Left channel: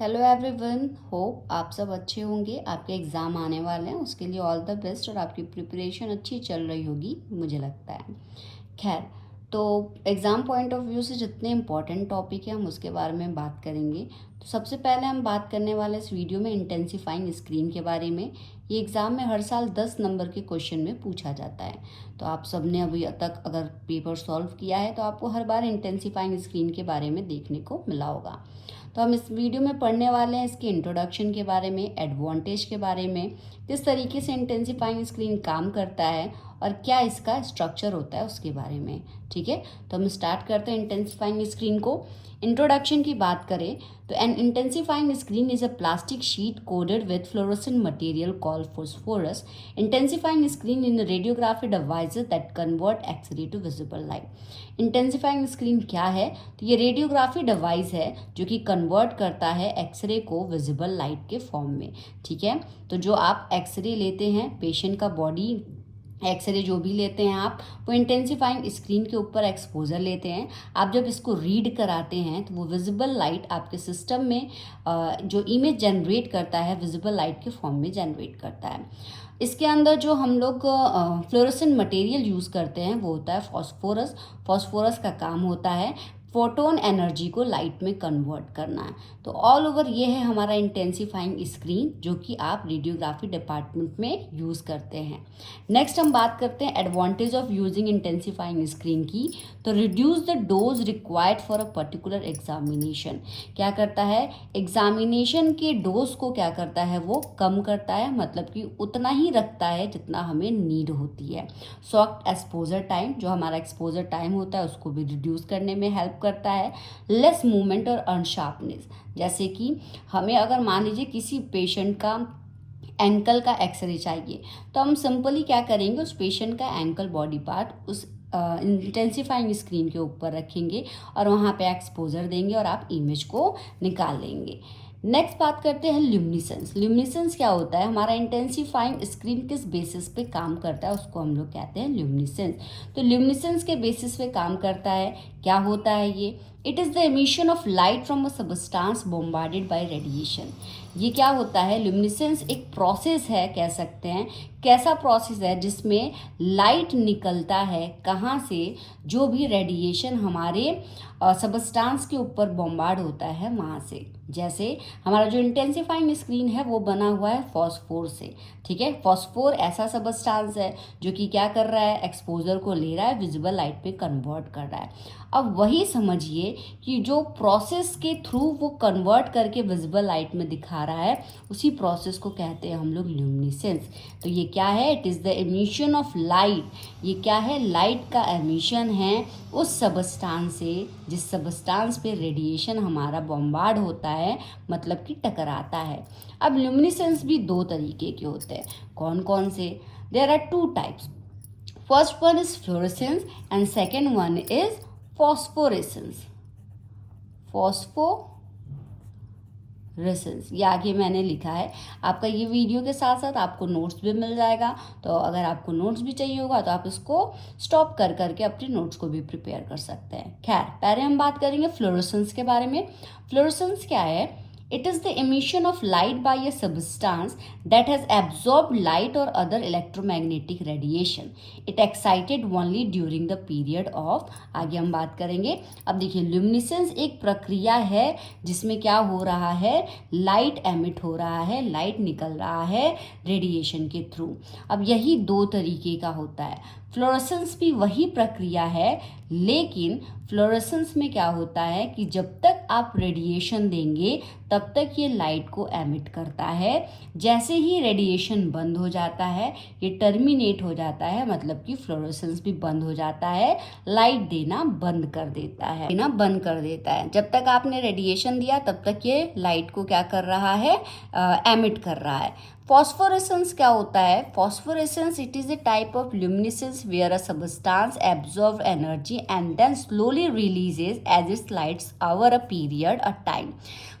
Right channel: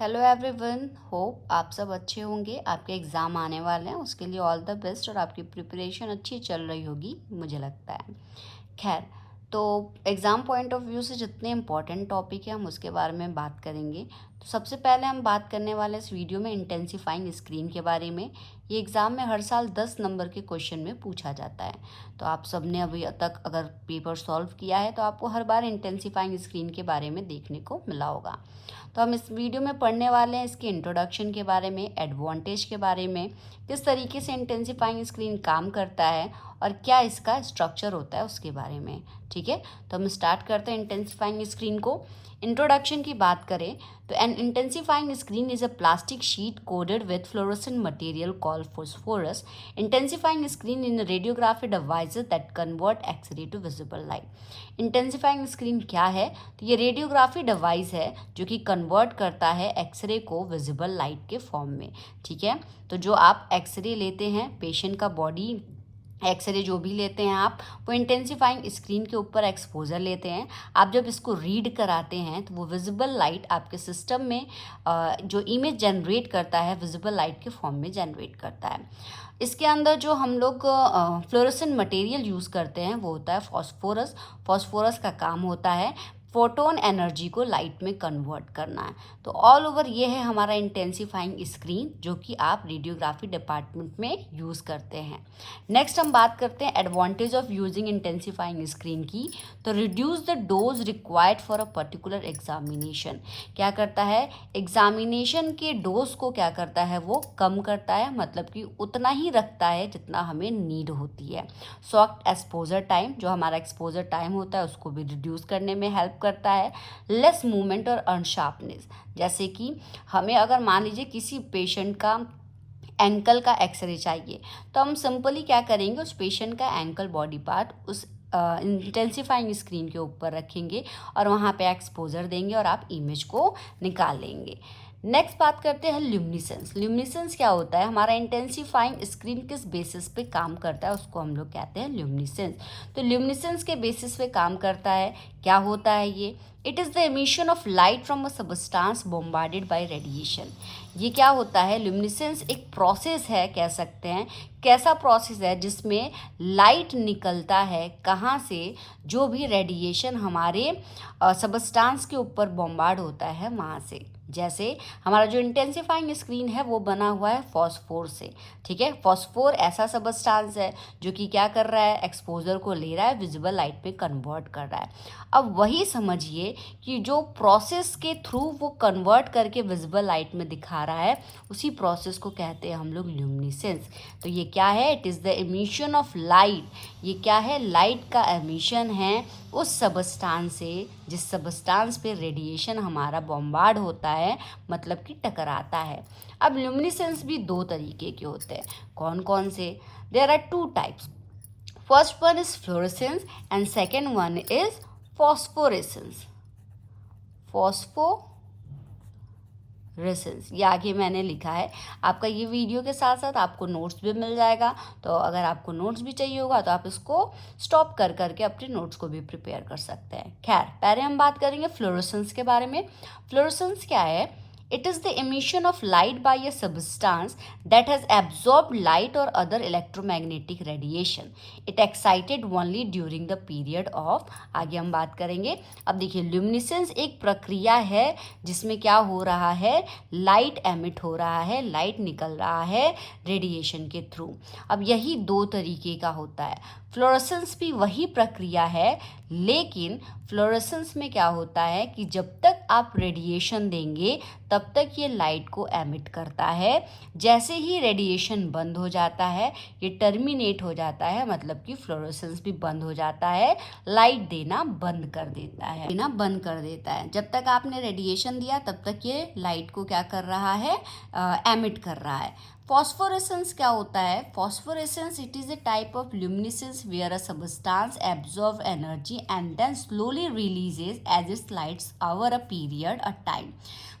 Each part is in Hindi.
हेलो एवरीवन, होप आप सब अच्छे होंगे। आपके एग्ज़ाम आने वाले हैं, उसके लिए ऑल द बेस्ट। और आपकी प्रिपरेशन अच्छी चल रही होगी मुझे लगता है। खैर, तो एग्ज़ाम पॉइंट ऑफ व्यू से जितने इम्पॉर्टेंट टॉपिक है हम उसके बारे में बात करेंगे। तो सबसे पहले हम बात करने वाले इस वीडियो में इंटेंसिफाइंग स्क्रीन के बारे में। ये एग्ज़ाम में हर साल 10 नंबर के क्वेश्चन में पूछा जाता है। तो आप सब ने अभी तक अगर पेपर सॉल्व किया है तो आपको हर बार इंटेंसिफाइंग स्क्रीन के बारे में देखने को मिला होगा। तो हम इस वीडियो में पढ़ने वाले हैं इसके इंट्रोडक्शन के बारे में, एडवांटेज के बारे में, किस तरीके से इंटेंसिफाइंग स्क्रीन काम करता है और क्या इसका स्ट्रक्चर होता है उसके बारे में। ठीक है, तो हम स्टार्ट करते हैं इंटेंसिफाइंग स्क्रीन को। इंट्रोडक्शन की बात करें तो an intensifying screen is a plastic sheet coated with fluorescent material called phosphorus. Intensifying screen in radiography devices that convert x-ray to visible light. Intensifying screen क्या है? तो ये रेडियोग्राफी डिवाइस है जो कि कन्वर्ट करता है एक्सरे को विजिबल लाइट के फॉर्म में। ठीक है, तो जो आप एक्सरे लेते हैं, पेशेंट का बॉडी एक्सरे जो भी लेते हैं आप, वो इंटेंसिफाइंग स्क्रीन के ऊपर एक्सपोजर लेते हैं। आप जब इसको रीड कराते हैं तो वो विजिबल लाइट आपके सिस्टम में जो इमेज जनरेट करता है विजिबल लाइट के फॉर्म में जनरेट करता है। इसके अंदर जो हम लोग फ्लोरोसेंट मटेरियल यूज़ करते हैं वो होता है फॉस्फोरस। फॉस्फोरस का काम होता है फोटोन एनर्जी को लाइट में कन्वर्ट करना है। तो ऑल ओवर ये है हमारा इंटेंसिफाइंग स्क्रीन जो कि आप रेडियोग्राफी डिपार्टमेंट में यूज़ करते हैं। नेक्स्ट हम बात करते हैं advantage of using intensifying screen की। तो reduce the dose required for a particular examination. क्या करता है? एग्जामिनेशन के डोज को क्या करता है? वो कम करता है, मतलब कि उतना ही रखता है जितना हमें नीड होती है। शॉर्ट एक्सपोजर टाइम, जो हमारा एक्सपोजर टाइम होता है उसको भी रिड्यूस करने में हेल्प करता है। लेस मूवमेंट और अनशार्पनेस, जैसे कि हमें अगर मान लीजिए किसी पेशेंट का एंकल का एक्सरे चाहिए तो हम सिंपली क्या करेंगे, उस पेशेंट का एंकल बॉडी पार्ट उस इंटेंसिफाइंग स्क्रीन के ऊपर रखेंगे और वहाँ पे एक्सपोजर देंगे और आप इमेज को निकाल लेंगे। नेक्स्ट बात करते हैं ल्यूमिनेसेंस। ल्यूमिनेसेंस क्या होता है? हमारा इंटेंसिफाइंग स्क्रीन किस बेसिस पे काम करता है उसको हम लोग कहते हैं ल्यूमिनेसेंस। तो ल्यूमिनेसेंस के बेसिस पे काम करता है। क्या होता है ये? It is the emission of light from a substance bombarded by radiation. ये क्या होता है? ल्यूमिनेसेंस एक प्रोसेस है, कह सकते हैं। कैसा प्रोसेस है? जिसमें लाइट निकलता है कहाँ से? जो भी रेडिएशन हमारे सबस्टांस के ऊपर बॉम्बार्ड होता है वहाँ से। जैसे हमारा जो इंटेंसिफाइंग स्क्रीन है वो बना हुआ है फॉस्फोर से। ठीक है, फॉस्फोर ऐसा सबस्टांस है जो कि क्या कर रहा है? एक्सपोजर को ले रहा है, विजिबल लाइट में कन्वर्ट कर रहा है। अब वही समझिए कि जो प्रोसेस के थ्रू वो कन्वर्ट करके विजिबल लाइट में दिखा रहा है, उसी प्रोसेस को कहते हैं हम लोग ल्यूमिनेसेंस। तो ये क्या है? It is the emission of light. ये क्या है? लाइट का एमिशन है उस सबस्टांस से जिस सबस्टांस पे रेडिएशन हमारा बॉम्बार्ड होता है, मतलब कि टकराता है। अब ल्यूमिनेसेंस भी दो तरीके के होते हैं। कौन कौन से? There are two types. First one is fluorescence and second one is phosphorescence. Phosphorescence ये आगे मैंने लिखा है। आपका ये वीडियो के साथ साथ आपको नोट्स भी मिल जाएगा। तो अगर आपको नोट्स भी चाहिए होगा तो आप इसको स्टॉप कर करके अपने नोट्स को भी प्रिपेयर कर सकते हैं। खैर, पहले हम बात करेंगे फ्लोरेसेंस के बारे में। फ्लोरेसेंस क्या है? It is the emission of light by a substance that has absorbed light or other electromagnetic radiation. It excited only during the period of। आगे हम बात करेंगे। अब देखिए, ल्यूमिनेसेंस एक प्रक्रिया है जिसमें क्या हो रहा है? लाइट एमिट हो रहा है, लाइट निकल रहा है रेडिएशन के थ्रू। अब यही दो तरीके का होता है। फ्लोरेसेंस भी वही प्रक्रिया है, लेकिन फ्लोरेसेंस में क्या होता है कि जब तक आप रेडिएशन देंगे तब तक ये लाइट को एमिट करता है। जैसे ही रेडिएशन बंद हो जाता है, ये टर्मिनेट हो जाता है, मतलब कि फ्लोरेसेंस भी बंद हो जाता है, लाइट देना बंद कर देता है, देना बंद कर देता है। जब तक आपने रेडिएशन दिया तब तक ये लाइट को क्या कर रहा है? एमिट कर रहा है। फॉस्फोरेसेंस क्या होता है? Phosphorescence it is a type of luminescence where a substance absorbs energy and then slowly releases as it lights over a period of time.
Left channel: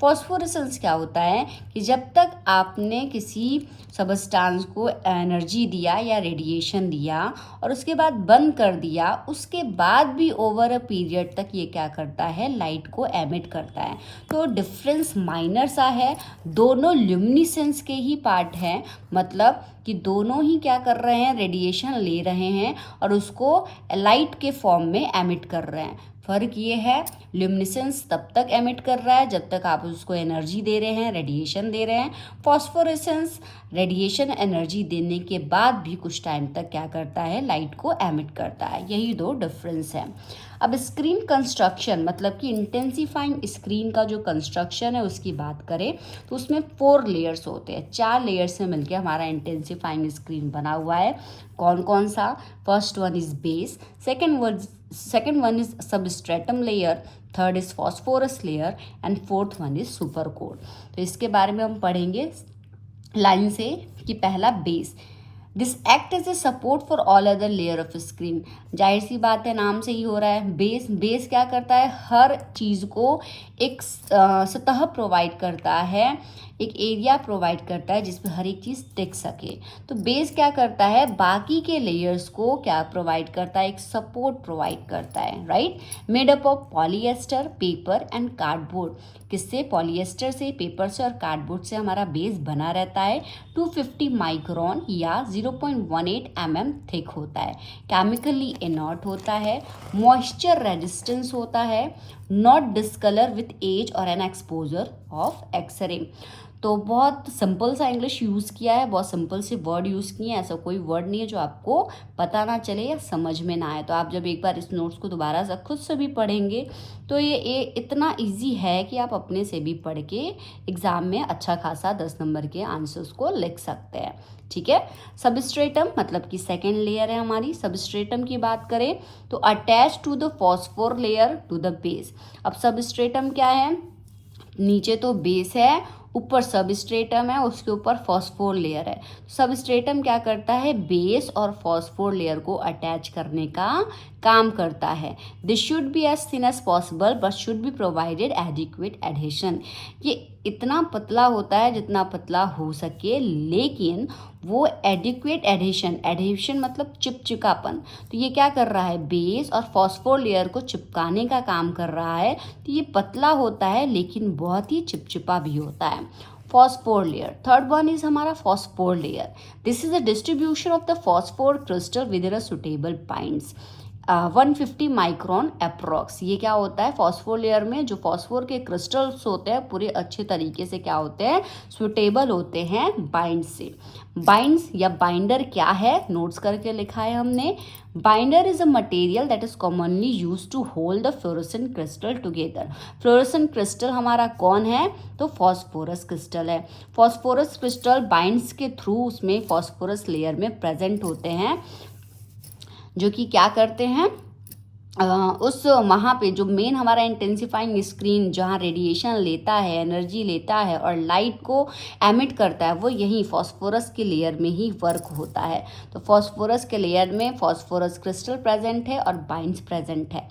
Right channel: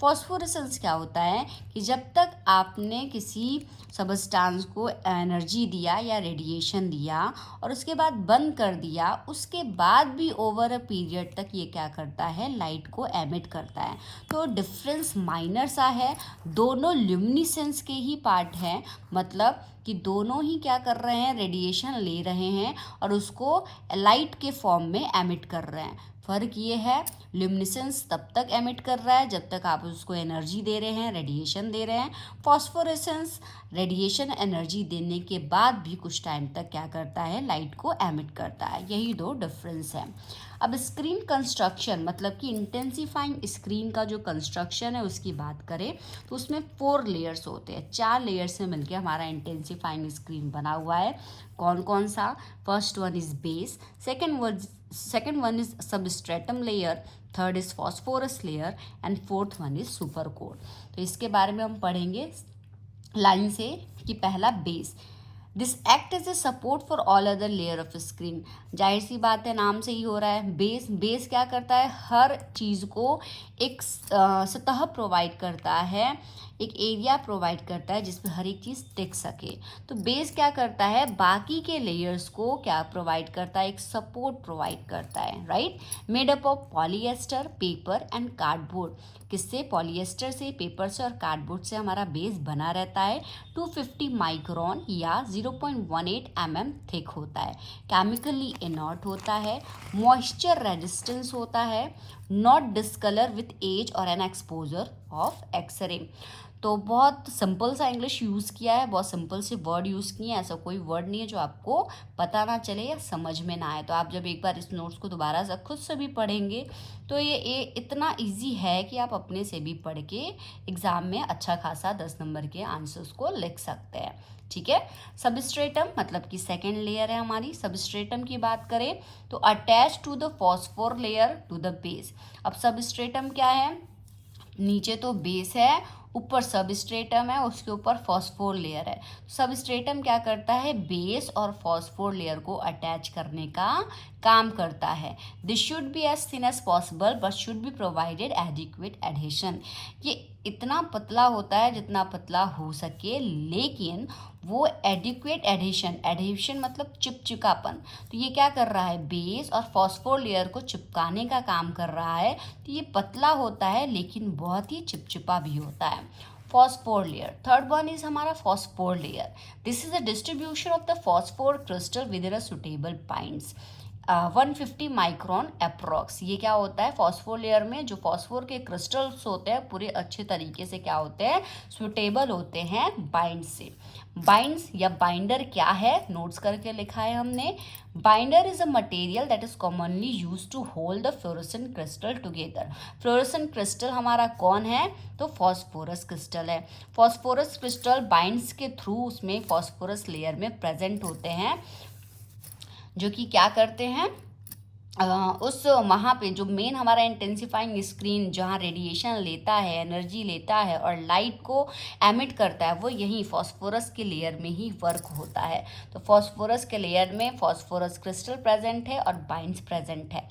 Phosphorescence क्या होता है कि जब तक आपने किसी सबस्टांस को एनर्जी दिया या रेडिएशन दिया और उसके बाद बंद कर दिया, उसके बाद भी ओवर अ पीरियड तक ये क्या करता है, लाइट को एमिट करता है। तो डिफरेंस माइनर सा है, दोनों ल्यूमिनेसेंस के ही पार्ट हैं, मतलब कि दोनों ही क्या कर रहे हैं, रेडिएशन ले रहे हैं और उसको लाइट के फॉर्म में एमिट कर रहे हैं। फ़र्क ये है, ल्यूमिनेसेंस तब तक एमिट कर रहा है जब तक आप उसको एनर्जी दे रहे हैं, रेडिएशन दे रहे हैं। फॉस्फोरेसेंस रेडिएशन एनर्जी देने के बाद भी कुछ टाइम तक क्या करता है, लाइट को एमिट करता है। यही दो डिफरेंस है। अब स्क्रीन कंस्ट्रक्शन, मतलब कि इंटेंसिफाइंग स्क्रीन का जो कंस्ट्रक्शन है उसकी बात करें तो उसमें 4 लेयर्स होते हैं, 4 लेयर्स से मिलकर हमारा इंटेंसिफाइंग स्क्रीन बना हुआ है। कौन कौन सा? First one is base, second one is substratum layer, third is phosphorus layer and fourth one is super coat. तो इसके बारे में हम पढ़ेंगे लाइन से कि पहला base, this act as a support for all other layer of screen. जाहिर सी बात है, नाम से ही हो रहा है। बेस क्या करता है, हर चीज़ को एक सतह प्रोवाइड करता है, एक एरिया प्रोवाइड करता है जिसमें हर एक चीज़ टिक सके। तो बेस क्या करता है, बाकी के लेयर्स को क्या प्रोवाइड करता है, एक सपोर्ट प्रोवाइड करता है, right. Made up of polyester, paper and cardboard. किससे? पॉलीएस्टर से, पेपर से और कार्डबोर्ड से हमारा बेस बना रहता है। 250 माइक्रोन या 0.18 mm थिक होता है। केमिकली इनर्ट होता है, मॉइस्चर रेजिस्टेंस होता है, नॉट डिस्कलर विथ एज और एन एक्सपोजर ऑफ एक्सरे। तो बहुत सिंपल सा इंग्लिश यूज़ किया है, बहुत सिंपल से वर्ड यूज़ किए हैं। ऐसा कोई वर्ड नहीं है जो आपको पता ना चले या समझ में ना आए। तो आप जब एक बार इस नोट्स को दोबारा से खुद से भी पढ़ेंगे तो ये इतना इजी है कि आप अपने से भी पढ़ के एग्ज़ाम में अच्छा खासा 10 नंबर के आंसर्स को लिख सकते हैं, ठीक है। सबस्ट्रेटम मतलब कि सेकेंड लेयर है हमारी। सबस्ट्रेटम की बात करें तो attach to the phosphor layer to the base. अब सबस्ट्रेटम क्या है, नीचे तो बेस है, ऊपर सबस्ट्रेटम है, उसके ऊपर फॉस्फोर लेयर है। सबस्ट्रेटम क्या करता है, बेस और फॉस्फोर लेयर को अटैच करने का काम करता है। This should be as thin as possible but should be provided adequate adhesion. ये इतना पतला होता है जितना पतला हो सके, लेकिन वो एडिक्वेट एडहेशन मतलब चिपचिपापन। तो ये क्या कर रहा है, बेस और फॉस्फोर लेयर को चिपकाने का काम कर रहा है। तो ये पतला होता है लेकिन बहुत ही चिपचिपा भी होता है। Phosphor layer, third one is हमारा phosphor layer. This is a distribution of the phosphor crystal with a suitable points. 150 micron approx. ये क्या होता है, फॉस्फोर लेयर में जो फॉस्फोर के क्रिस्टल्स होते हैं पूरे अच्छे तरीके से क्या होते हैं, सुटेबल होते हैं बाइंड से। बाइंड्स या बाइंडर क्या है, नोट्स करके लिखा है हमने। Binder is a material that is commonly use to hold the fluorescent crystal together. Fluorescent crystal हमारा कौन है, तो फॉस्फोरस क्रिस्टल है। फॉस्फोरस क्रिस्टल बाइंड्स के थ्रू उसमें फॉस्फोरस लेयर में प्रेजेंट होते हैं, जो कि क्या करते हैं, उस वहाँ पे जो मेन हमारा इंटेंसिफाइंग स्क्रीन जहाँ रेडिएशन लेता है, एनर्जी लेता है और लाइट को एमिट करता है, वो यही फॉस्फोरस के लेयर में ही वर्क होता है। तो फॉस्फोरस के लेयर में फॉस्फोरस क्रिस्टल प्रेजेंट है और बाइंड्स प्रेजेंट है।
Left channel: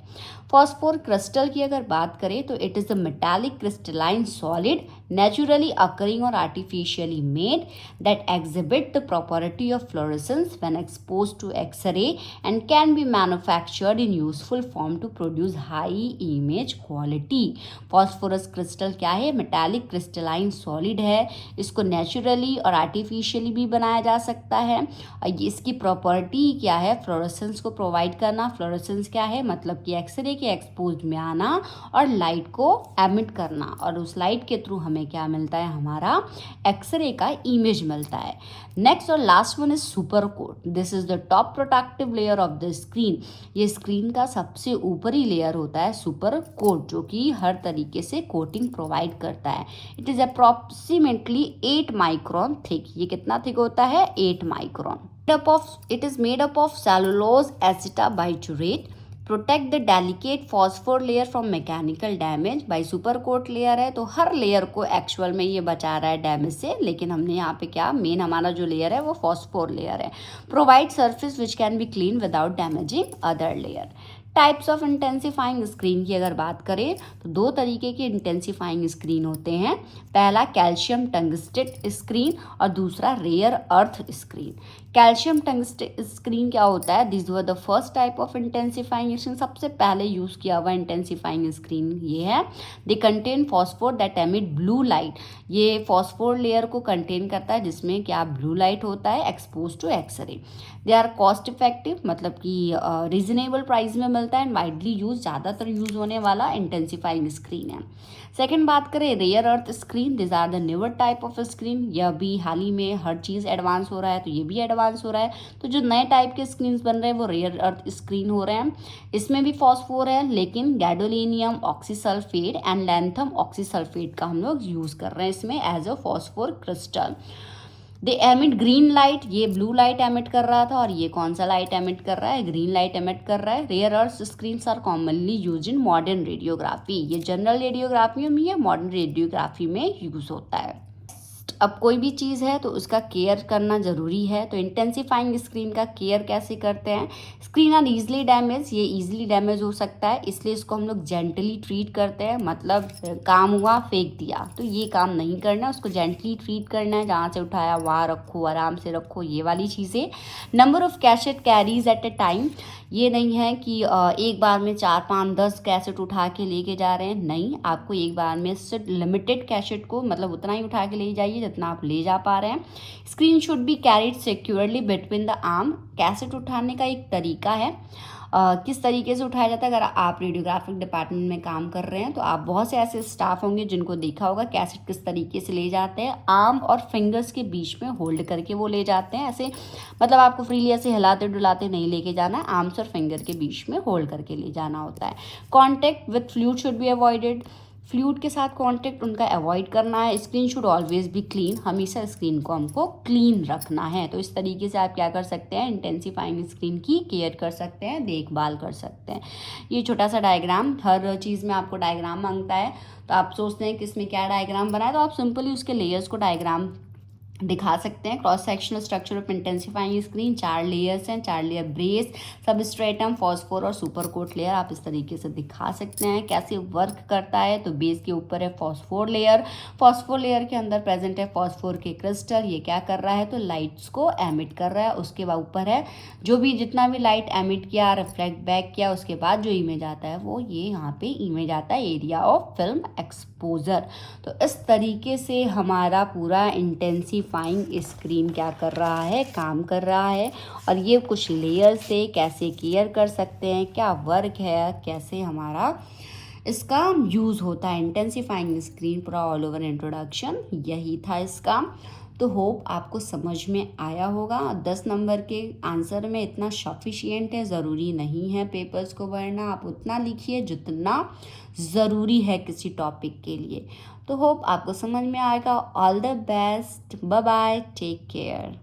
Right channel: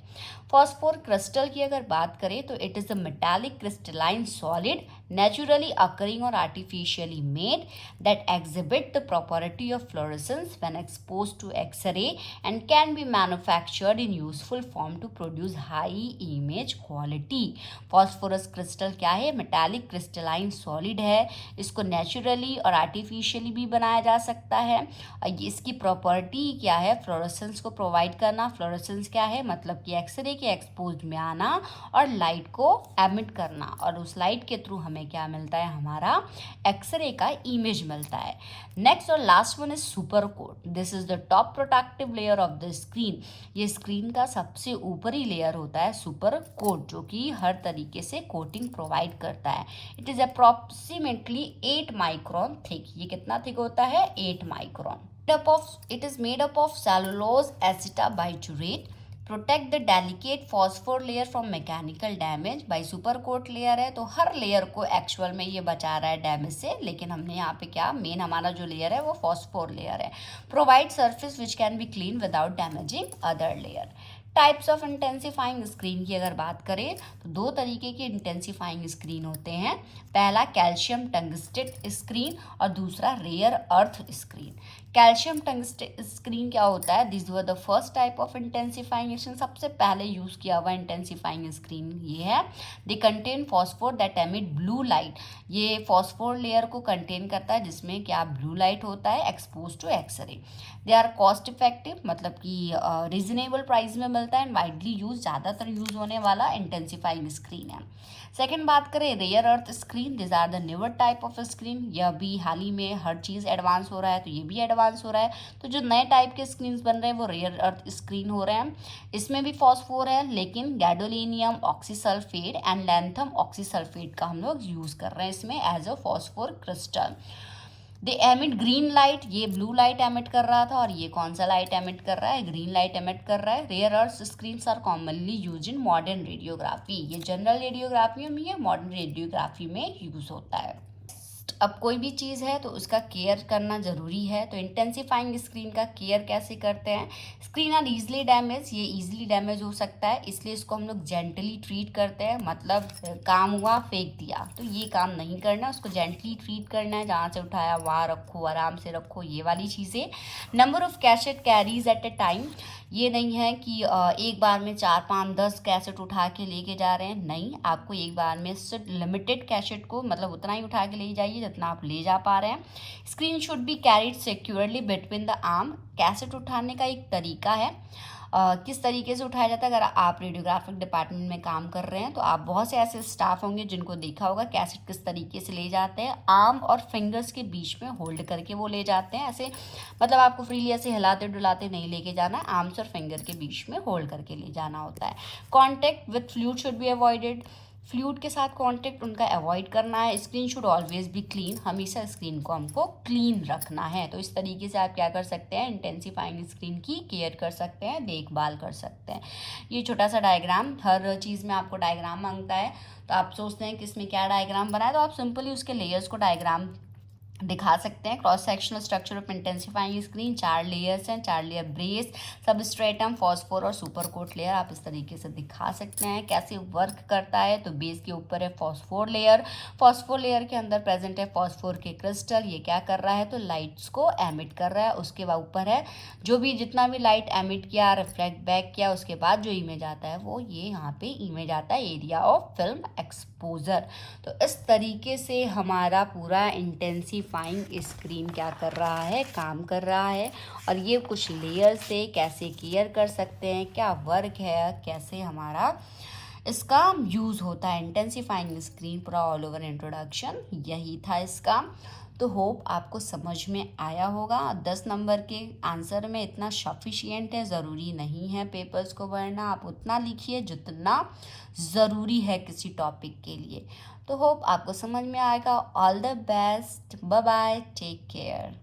फॉस्फोर क्रिस्टल की अगर बात करें तो it is a metallic crystalline solid naturally occurring और artificially made that exhibit the property of fluorescence when exposed to X-ray and can be manufactured in useful form to produce high image quality. Phosphorus crystal क्या है, मेटालिक क्रिस्टलाइन सॉलिड है। इसको नेचुरली और आर्टिफिशियली भी बनाया जा सकता है। इसकी प्रॉपर्टी क्या है, फ्लोरेसेंस को प्रोवाइड करना। फ्लोरेसेंस क्या है, मतलब कि एक्सरे के एक्सपोज में आना और लाइट को एमिट करना, और उस लाइट के थ्रू हमें क्या मिलता है, हमारा एक्सरे का इमेज मिलता है। नेक्स्ट और last one is super coat. This is the top protective layer of the screen. ये स्क्रीन का सबसे ऊपरी लेयर होता है सुपर कोट, जो कि हर तरीके से कोटिंग प्रोवाइड करता है। It is approximately 8 micron thick. ये कितना थिक होता है, 8 micron. It is made up of cellulose acetabiturate, protect the delicate phosphor layer from mechanical damage by super coat layer है। तो हर लेयर को एक्चुअल में ये बचा रहा है डैमेज से, लेकिन हमने यहाँ पे क्या, मेन हमारा जो लेयर है वो फॉस्फोर लेयर है। Provide surface which can be clean without damaging other layer. Types of intensifying screen की अगर बात करें तो दो तरीके के इंटेंसिफाइंग स्क्रीन होते हैं। पहला कैल्शियम टंगस्टेट स्क्रीन और दूसरा rare earth screen. Calcium tungstate screen क्या होता है? This were the first type of intensifying screen, सबसे पहले यूज़ किया हुआ इंटेंसिफाइंग स्क्रीन ये है। They contain phosphor that emit blue light, ये फॉस्फोर लेयर को कंटेन करता है जिसमें क्या ब्लू लाइट होता है expose to x-ray. They are cost effective, मतलब कि रीजनेबल प्राइस में मिलता है एंड वाइडली यूज, ज़्यादातर यूज होने वाला इंटेंसिफाइंग स्क्रीन है। सेकेंड बात करें rare earth screen, this are the newer type of screen, यह भी हाल ही में हर चीज़ एडवांस हो रहा है तो ये भी एडवांस हो रहा है। तो जो नए टाइप के स्क्रीन बन रहे हैं वो रेयर अर्थ स्क्रीन हो रहे हैं। इसमें भी फॉस्फोर है लेकिन गैडोलिनियम ऑक्सीसल्फेट एंड लैंथम ऑक्सीसल्फेट का हम लोग यूज़ कर रहे हैं इसमें as a phosphor crystal. They emit green light, ये ब्लू लाइट एमिट कर रहा था और ये कौन सा लाइट एमिट कर रहा है? ग्रीन लाइट एमिट कर रहा है। Rare earth screens are commonly use in modern radiography, ये जनरल रेडियोग्राफी में या मॉडर्न रेडियोग्राफी में यूज होता है। अब कोई भी चीज़ है तो उसका केयर करना ज़रूरी है, तो इंटेंसिफाइंग स्क्रीन का केयर कैसे करते हैं? स्क्रीन आर ईजिली डैमेज, ये ईजिली डैमेज हो सकता है इसलिए इसको हम लोग जेंटली ट्रीट करते हैं, मतलब काम हुआ फेंक दिया तो ये काम नहीं करना, उसको जेंटली ट्रीट करना है, जहाँ से उठाया वहाँ रखो, आराम से रखो, ये वाली चीज़ें। Number of cassette carries at a time, ये नहीं है कि एक बार में 4, 5, 10 कैसेट उठा के लेके जा रहे हैं, नहीं, आपको एक बार में सिर्फ लिमिटेड कैसेट को मतलब उतना ही उठा के ले जाइए जितना आप ले जा पा रहे हैं। Screen should be carried securely between the arm, cassette उठाने का एक तरीका है, किस तरीके से उठाया जाता है। अगर आप रेडियोग्राफिक डिपार्टमेंट में काम कर रहे हैं तो आप बहुत से ऐसे स्टाफ होंगे जिनको देखा होगा कैसेट किस तरीके से ले जाते हैं, आर्म और फिंगर्स के बीच में होल्ड करके वो ले जाते हैं, ऐसे मतलब आपको फ्रीली ऐसे हिलाते डुलाते नहीं लेके जाना है, आर्म्स और फिंगर के बीच में होल्ड करके ले जाना होता है। Contact with fluid should be avoided, fluid के साथ कांटेक्ट उनका अवॉइड करना है। Screen should always be clean, हमेशा स्क्रीन को हमको क्लीन रखना है। तो इस तरीके से आप क्या कर सकते हैं, इंटेंसिफाइंग स्क्रीन की केयर कर सकते हैं, देखभाल कर सकते हैं। ये छोटा सा डायग्राम, हर चीज़ में आपको डायग्राम मांगता है तो आप सोचते हैं कि इसमें क्या डायग्राम बनाए, तो आप सिंपली उसके लेयर्स को डायग्राम दिखा सकते हैं। Cross sectional structure of intensifying screen, 4 layers हैं, 4 लेयर ब्रेस, सबस्ट्रेटम, फॉस्फोर और सुपर कोट लेयर, आप इस तरीके से दिखा सकते हैं कैसे वर्क करता है। तो बेस के ऊपर है फॉस्फोर लेयर, फॉस्फोर लेयर के अंदर प्रेजेंट है फॉस्फोर के क्रिस्टल, ये क्या कर रहा है तो लाइट्स को एमिट कर रहा है। उसके बाद ऊपर है जो भी जितना भी लाइट एमिट किया, रिफ्लेक्ट बैक किया, उसके बाद जो इमेज आता है वो ये यहाँ पे इमेज आता है एरिया ऑफ फिल्म एक्सपोजर। तो इस तरीके से हमारा पूरा इंटेंसिफाइंग स्क्रीन क्या कर रहा है, काम कर रहा है। और ये कुछ लेयर से कैसे केयर कर सकते हैं, क्या वर्क है, कैसे हमारा इसका यूज़ होता है। इंटेंसिफाइंग स्क्रीन पूरा ऑल ओवर इंट्रोडक्शन यही था इसका। तो होप आपको समझ में आया होगा। 10 नंबर के आंसर में इतना सफिशिएंट है, ज़रूरी नहीं है पेपर्स को पढ़ना, आप उतना लिखिए जितना ज़रूरी है किसी टॉपिक के लिए। तो होप आपको समझ में आएगा। All the best, bye bye, take care.